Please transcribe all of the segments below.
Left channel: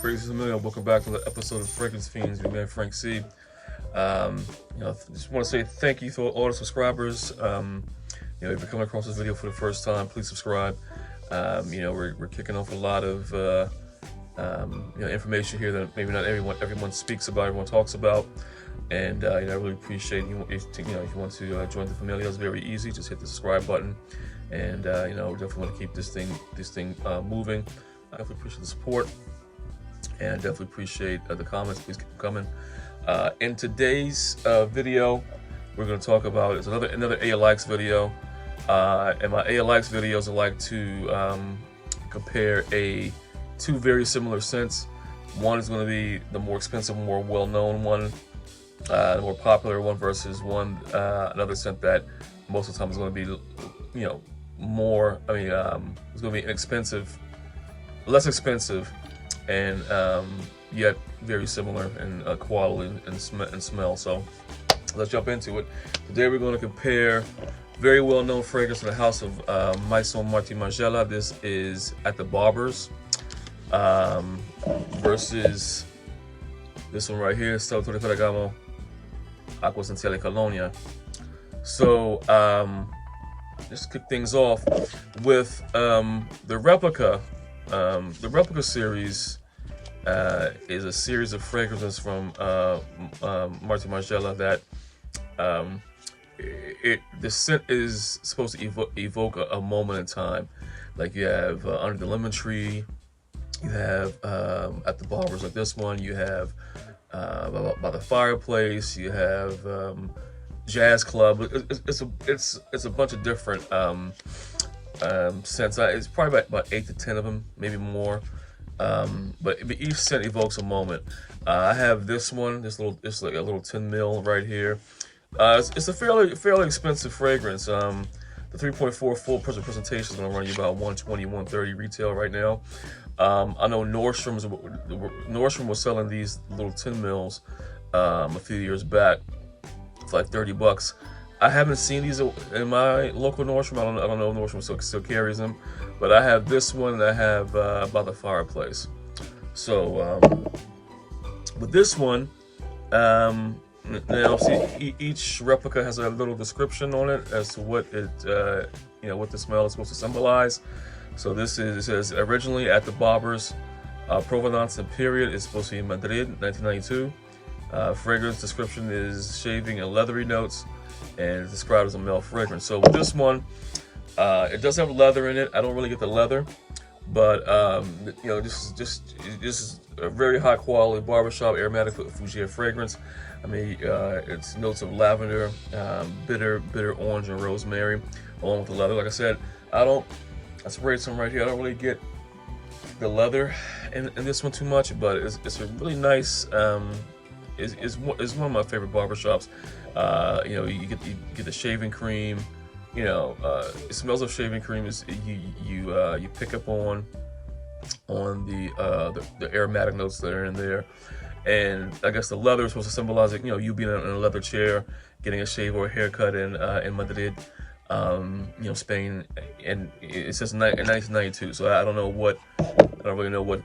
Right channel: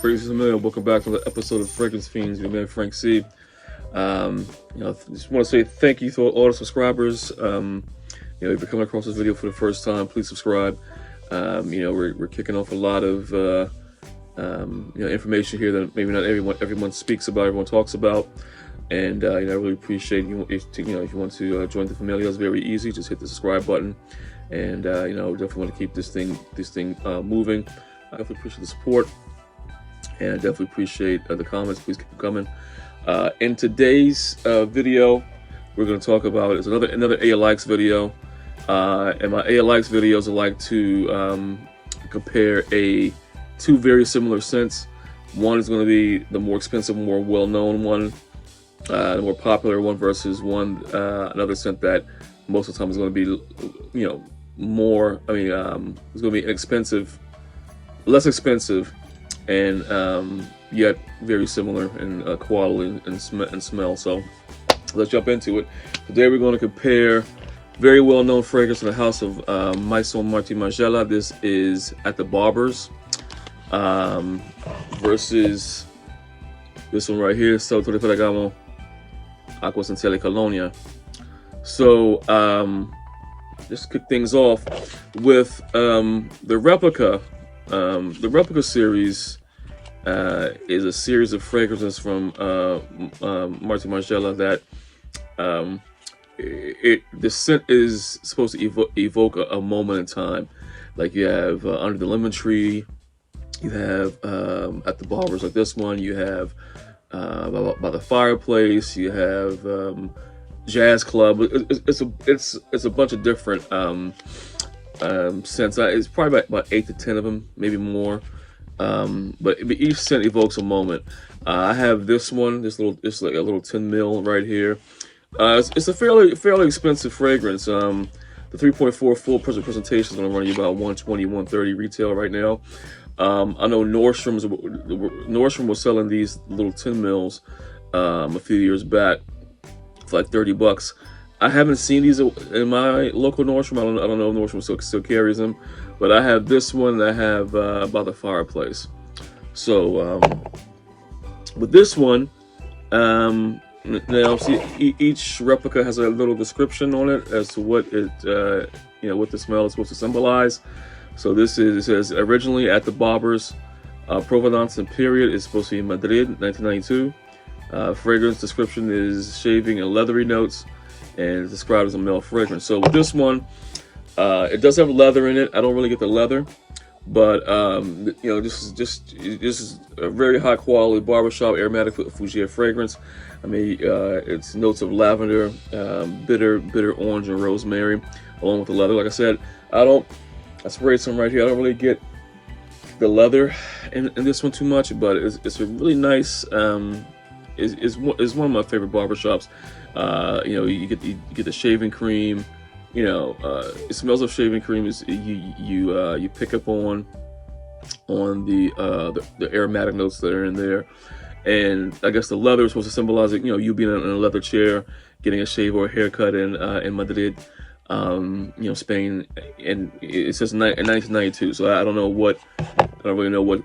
Fragrance Familiar, welcome back to the episode of Fragrance Fiends. Your man Frank C. Just want to say thank you to all the subscribers. If you're coming across this video for the first time, please subscribe. We're kicking off a lot of information here that maybe not everyone speaks about, everyone talks about, and I really appreciate you. If you want to join the Familia, it's very easy. Just hit the subscribe button, and we definitely want to keep this thing moving. I definitely appreciate the support. And I definitely appreciate the comments. Please keep them coming. In today's video, we're going to talk about it's another ALX video. And my ALX videos I like to compare two very similar scents. One is going to be the more expensive, more well-known one, the more popular one, versus another scent that most of the time is going to be, more. It's going to be inexpensive, less expensive, and yet very similar in quality and smell. So let's jump into it. Today we're going to compare very well-known fragrance in the house of MaisonMartin Margiela. This is at the Barbers versus this one right here, Salvatore Ferragamo, Acqua, Essenziale, Colonia. So just kick things off with the replica. The replica series is a series of fragrances from Martin Margiela that the scent is supposed to evoke a moment in time. Like you have Under the Lemon Tree, you have at the Barbers like this one, you have by the Fireplace, you have Jazz Club. It's a bunch of different scents. It's probably about 8 to 10 of them, maybe more. But each scent evokes a moment. I have this one, it's like a little 10 mil right here. It's a fairly expensive fragrance. The 3.4 full presentation is going to run you about $120, $130 retail right now. I know Nordstrom was selling these little 10 mils a few years back for like $30. I haven't seen these in my local Nordstrom. I don't know if Nordstrom still carries them, but I have this one that I have by the Fireplace. So with this one, now see each replica has a little description on it as to what what the smell is supposed to symbolize. So it says originally at the Barbers, Provenance and period is supposed to be in Madrid, 1992. Fragrance description is shaving and leathery notes, and it's described as a male fragrance. So with this one, it does have leather in it. I don't really get the leather, but this is a very high quality barbershop aromatic Fugia fragrance. It's notes of lavender, bitter orange, and rosemary, along with the leather. Like I said, I sprayed some right here. I don't really get the leather in this one too much, but it's a really nice. Is one of my favorite barbershops. You get the shaving cream. It smells of shaving cream. You pick up on the aromatic notes that are in there, and I guess the leather is supposed to symbolize it. You being in a leather chair, getting a shave or a haircut in Madrid, Spain, and it says in 1992. So I don't really know what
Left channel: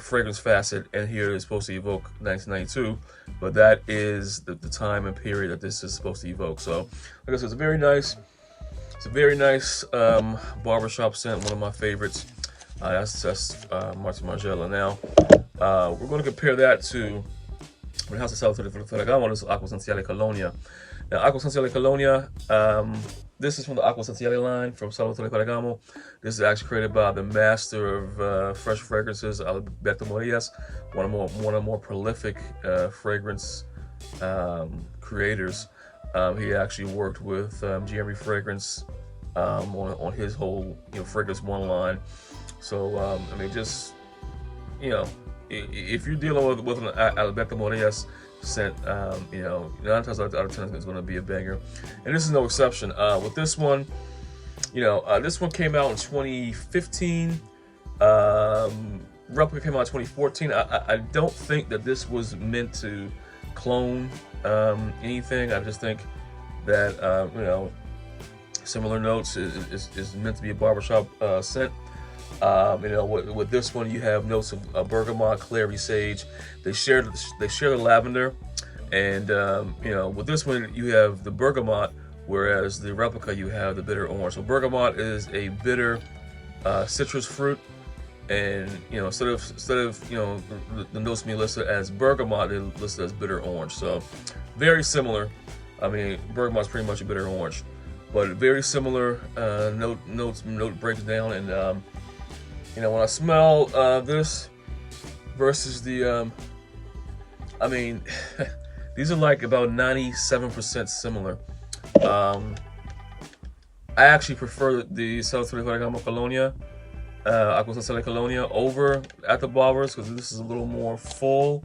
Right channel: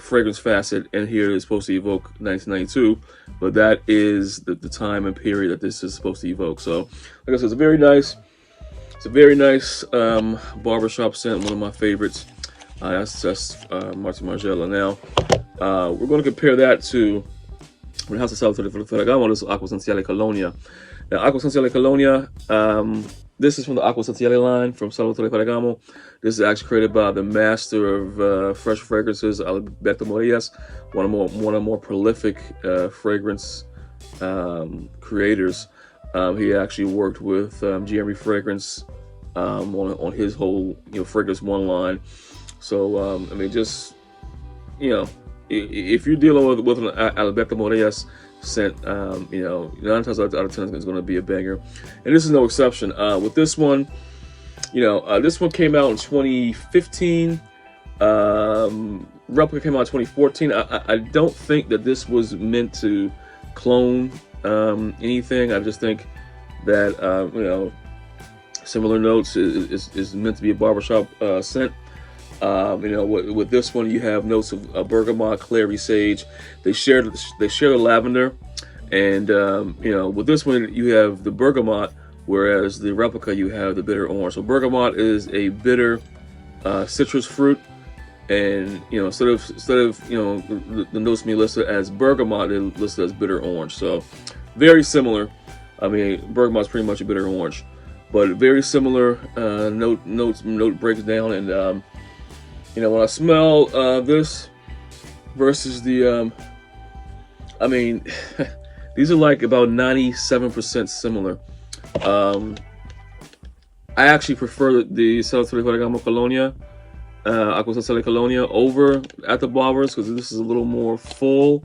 fragrance facet in here is supposed to evoke 1992, but that is the time and period that this is supposed to evoke. So like I said, it's a very nice barbershop scent, one of my favorites. That's Martin Margiela. Now we're going to compare that to the house of Salvatore Ferragamo. This is Acqua, Essenziale, Colonia. Now Acqua, Essenziale, Colonia, this is from the Acqua, Essenziale line from Salvatore Ferragamo. This is actually created by the master of fresh fragrances, Alberto Morillas, one of the more prolific fragrance creators. He actually worked with GME Fragrance on his whole Fragrance One line. So if you're dealing with an Alberto Morillas scent, 9 times out of 10 is going to be a banger, and this is no exception. With this one, this one came out in 2015. Replica came out in 2014. I don't think that this was meant to clone anything. I just think that similar notes is meant to be a barbershop scent. You know, with this one, you have notes of bergamot, clary, sage. They share the lavender, and you know, with this one, you have the bergamot, whereas the replica you have the bitter orange. So bergamot is a bitter citrus fruit, and you know, instead of you know the notes being listed as bergamot, they're listed as bitter orange. So very similar. I mean, bergamot is pretty much a bitter orange, but very similar note breakdown. And you know, when I smell this versus the, I mean, these are like about 97% similar. I actually prefer the Salvatore Ferragamo Colonia, Acqua Essenziale Colonia over at the Barbers, because this is a little more full,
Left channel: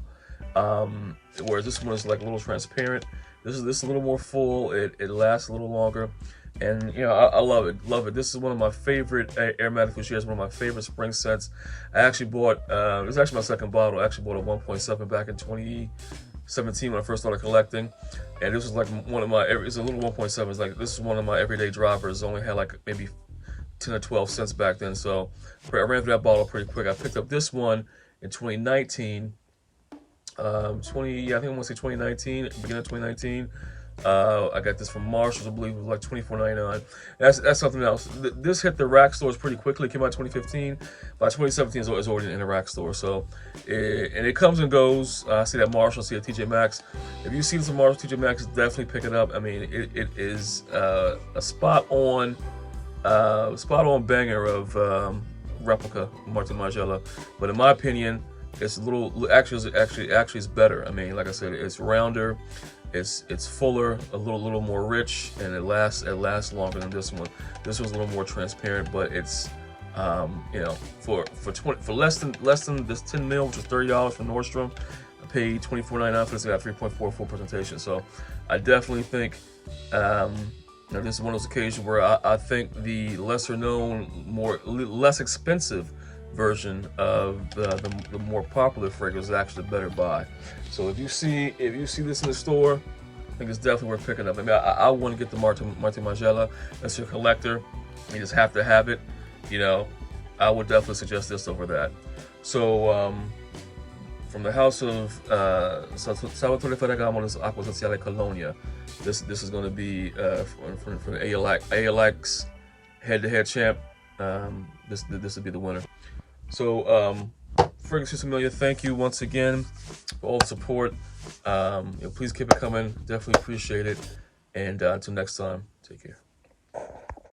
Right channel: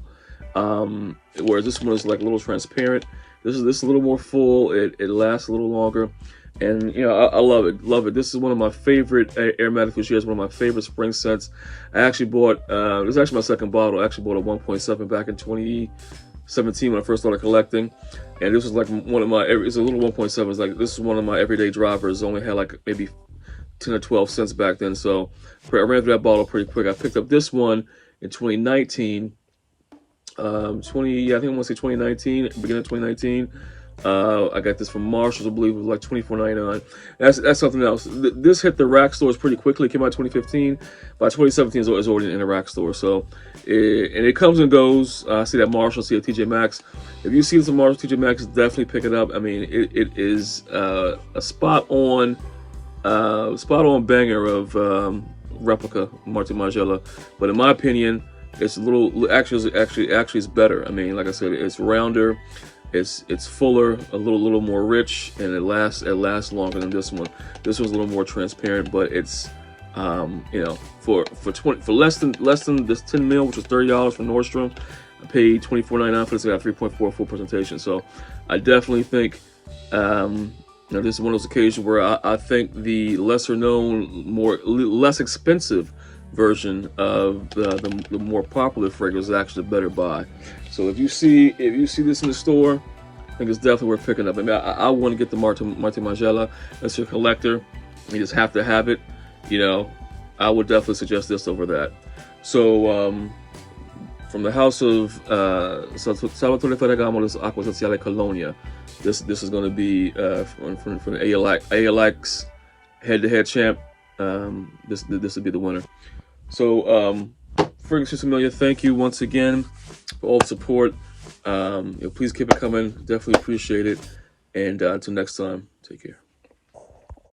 whereas this one is like a little transparent. This is a little more full. It lasts a little longer, and you know, I love it, love it. This is one of my favorite aromatic fruitiers, one of my favorite spring scents. I actually bought, this is actually my second bottle. I actually bought a 1.7 back in 2017 when I first started collecting, and this was like one of my, it's a little 1.7. It's like, this is one of my everyday drivers. Only had like maybe 10 or 12 cents back then, so I ran through that bottle pretty quick. I picked up this one in 2019. Yeah, I think I want to say 2019, beginning of 2019. I got this from Marshalls, I believe it was like $24.99. That's something else. This hit the rack stores pretty quickly. It came out in 2015. By 2017, it's already in the rack store. So, and it comes and goes. I see that Marshalls, see a TJ Maxx. If you see some Marshalls, TJ Maxx, definitely pick it up. I mean, it is a spot on banger of replica Margiela. But in my opinion, it's a little, actually it's better. I mean, like I said, it's rounder, it's fuller, a little more rich, and it lasts longer than this one. This one's a little more transparent, but it's you know, for less than this 10 mil, which was $30 from Nordstrom, I paid $24.99 for this. I got 3.4 full presentation. So I definitely think you know, this is one of those occasions where I think the lesser known, less expensive version of the more popular fragrance is actually the better buy. So if you see this in the store, I think it's definitely worth picking up. I mean, I want to get the Martin Margiela as a collector. You just have to have it. You know, I would definitely suggest this over that. So from the house of Salvatore Ferragamo, this is Acqua Essenziale Colonia. This is going to be from the ALX head-to-head champ. This would be the winner. So, Fragrance Familiar, thank you once again for all the support. You know, please keep it coming. Definitely appreciate it. And until next time, take care.